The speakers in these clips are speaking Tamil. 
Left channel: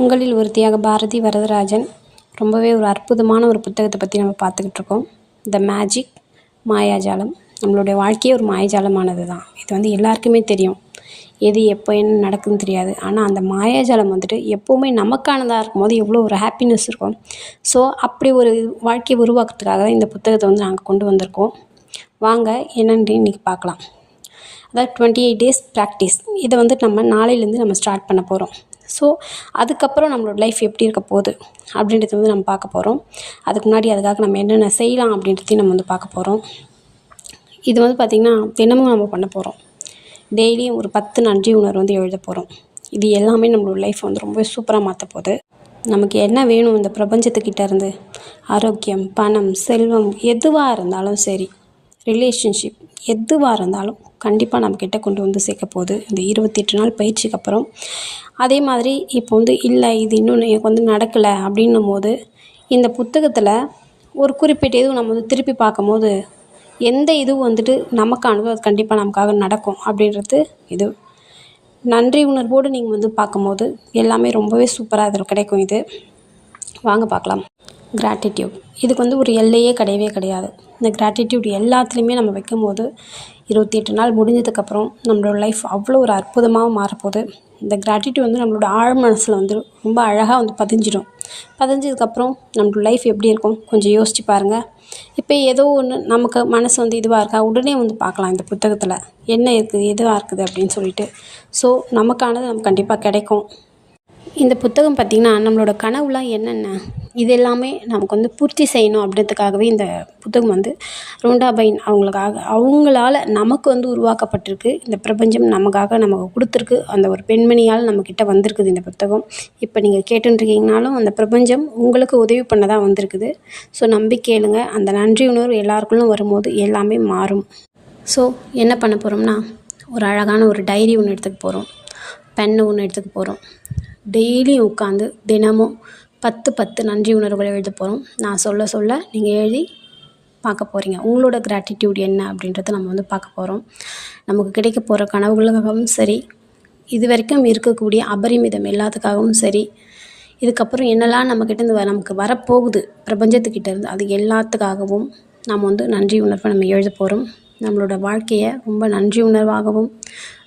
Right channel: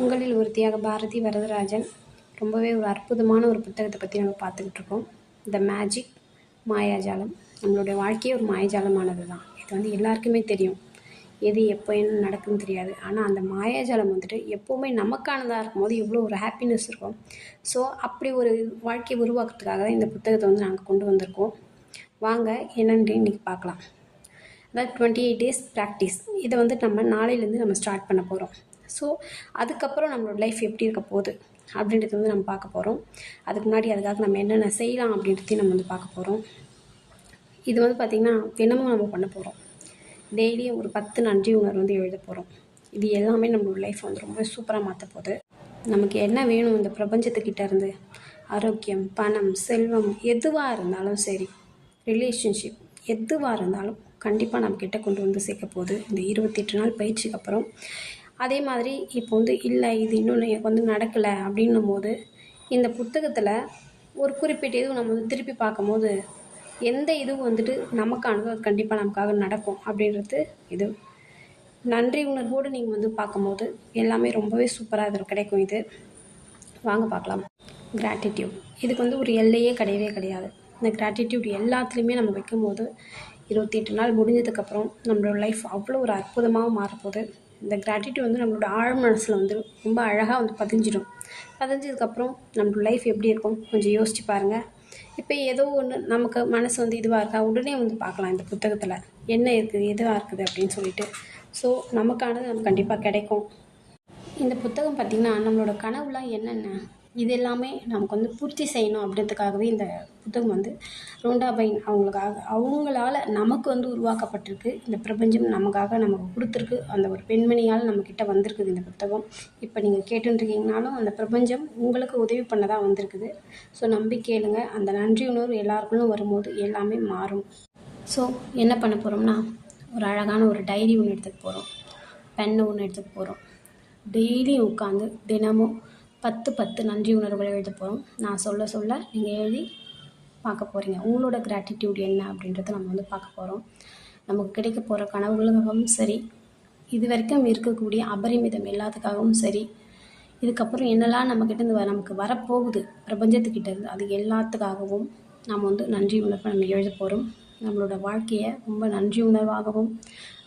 உங்களில் ஒருத்தியாக பாரதி வரதராஜன். ரொம்பவே ஒரு அற்புதமான ஒரு புத்தகத்தை பற்றி நம்ம பார்த்துக்கிட்டு இருக்கோம். த மேஜிக், மாயாஜாலம். நம்மளுடைய வாழ்க்கையே ஒரு மாயாஜாலமானது தான். இது எல்லாருக்குமே தெரியும். எது எப்போ என்ன நடக்குதுன்னு தெரியாது. ஆனால் அந்த மாயாஜாலம் எப்போவுமே நமக்கானதாக இருக்கும்போது எவ்வளோ ஒரு ஹாப்பினஸ் இருக்கும். ஸோ அப்படி ஒரு வாழ்க்கையை உருவாக்குறதுக்காக தான் இந்த புத்தகத்தை நாங்கள் கொண்டு வந்திருக்கோம். வாங்க என்னென்னு இன்றைக்கி பார்க்கலாம். அதாவது 28 டேஸ் ப்ராக்டிஸ். இதை நம்ம நாளையிலேருந்து நம்ம ஸ்டார்ட் பண்ண போகிறோம். ஸோ அதுக்கப்புறம் நம்மளோட லைஃப் எப்படி இருக்க போகுது அப்படின்றது நம்ம பார்க்க போகிறோம். அதுக்கு முன்னாடி அதுக்காக நம்ம என்னென்ன செய்யலாம் அப்படின்றதையும் நம்ம பார்க்க போகிறோம். இது பார்த்திங்கன்னா தினமும் நம்ம பண்ண போகிறோம். டெய்லியும் ஒரு 10 நன்றி உணர்வு எழுத போகிறோம். இது எல்லாமே நம்மளோட லைஃப் ரொம்ப சூப்பராக மாற்ற போகுது. நமக்கு என்ன வேணும் இந்த பிரபஞ்சத்துக்கிட்ட இருந்து, ஆரோக்கியம், பணம், செல்வம், எதுவாக இருந்தாலும் சரி, ரிலேஷன்ஷிப் எதுவாக இருந்தாலும் கண்டிப்பாக நம்மக்கிட்ட கொண்டு சேர்க்க போகுது இந்த 28 நாள் பயிற்சிக்கு அப்புறம். அதே மாதிரி இப்போ இல்லை இது இன்னும் எனக்கு நடக்கலை அப்படின்னும் போது இந்த புத்தகத்தில் ஒரு குறிப்பிட்ட இதுவும் நம்ம திருப்பி பார்க்கும்போது எந்த இதுவும் நமக்கானதோ அது கண்டிப்பாக நமக்காக நடக்கும் அப்படின்றது இது. நன்றி உணர்வோடு நீங்கள் பார்க்கும்போது எல்லாமே ரொம்பவே சூப்பராக அதில் கிடைக்கும். இது வாங்க பார்க்கலாம். கிராட்டிடியூட். இதுக்கு ஒரு எல்லையே கிடையவே கிடையாது. இந்த கிராட்டிடியூட் எல்லாத்துலேயுமே நம்ம வைக்கும்போது 28 நாள் முடிஞ்சதுக்கப்புறம் நம்மளோட லைஃப் அவ்வளோ ஒரு அற்புதமாக மாறப்போகுது. இந்த கிராட்டிடியூட் நம்மளோட ஆழ் மனசில் ரொம்ப அழகாக பதிஞ்சிடும். பதிஞ்சதுக்கப்புறம் நம்மளோட லைஃப் எப்படி இருக்கும் கொஞ்சம் யோசித்து பாருங்கள். இப்போ ஏதோ ஒன்று நமக்கு மனசு இதுவாக இருக்கா, உடனே பார்க்கலாம் இந்த புத்தகத்தில் என்ன இருக்குது எதுவாக இருக்குது அப்படின்னு சொல்லிட்டு. ஸோ நமக்கானது நமக்கு கண்டிப்பாக கிடைக்கும். இந்த புத்தகம் பார்த்திங்கன்னா நம்மளோட கனவுலாம் என்னென்ன இது எல்லாமே நமக்கு பூர்த்தி செய்யணும் அப்படின்றதுக்காகவே இந்த புத்தகம் ரோண்டா பைன் அவங்களால நமக்கு உருவாக்கப்பட்டிருக்கு. இந்த பிரபஞ்சம் நமக்கு கொடுத்துருக்கு. அந்த ஒரு பெண்மணியால் நம்மக்கிட்ட வந்திருக்குது இந்த புத்தகம். இப்போ நீங்கள் கேட்டுருக்கீங்கனாலும் அந்த பிரபஞ்சம் உங்களுக்கு உதவி பண்ண தான் வந்திருக்குது. ஸோ நம்பி கேளுங்க. அந்த நன்றி உணர்வு எல்லாருக்குள்ளும் வரும்போது எல்லாமே மாறும். ஸோ என்ன பண்ண போகிறோம்னா, ஒரு அழகான ஒரு டைரி ஒன்று எடுத்துக்க போகிறோம். பென்னு ஒன்று எடுத்துக்க போகிறோம். டெய்லியும் உட்காந்து தினமும் 10 நன்றி உணர்வுகளை எழுத போகிறோம். நான் சொல்ல நீங்கள் எழுதி பார்க்க போகிறீங்க. உங்களோட கிராட்டிடியூட் என்ன அப்படின்றத நம்ம பார்க்க போகிறோம். நமக்கு கிடைக்க போகிற கனவுகளுக்காகவும் சரி, இது வரைக்கும் இருக்கக்கூடிய அபரிமிதம் எல்லாத்துக்காகவும் சரி, இதுக்கப்புறம் என்னெல்லாம் நம்மக்கிட்டேருந்து நமக்கு வரப்போகுது பிரபஞ்சத்துக்கிட்டேருந்து, அது எல்லாத்துக்காகவும் நம்ம நன்றி உணர்வை நம்ம எழுத போகிறோம். நம்மளோட வாழ்க்கையை ரொம்ப நன்றி உணர்வாகவும்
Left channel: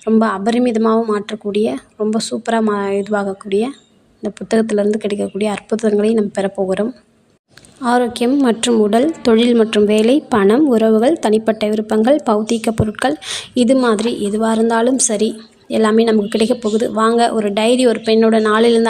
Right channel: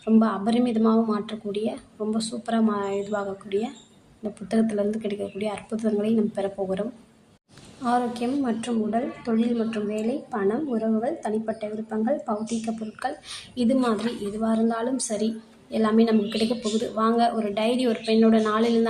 ரொம்ப அபரிமிதமாகவும் மாற்றக்கூடிய ரொம்ப சூப்பராக இதுவாகக்கூடிய இந்த புத்தகத்திலேருந்து கிடைக்கக்கூடிய அற்புதங்களை நம்ம பெறப்போகிறோம். ஆரோக்கியம் மற்றும் உடல், தொழில் மற்றும் வேலை, பணம், உறவுகள், தனிப்பட்ட விருப்பங்கள், பௌதீக பொருட்கள், இது மாதிரி எதுவாக இருந்தாலும் சரி எல்லாமே நமக்கு கிடைக்க போகுது. வாங்க ஒரு டைரி ஒரு பெண்ணோட நாளிலேருந்து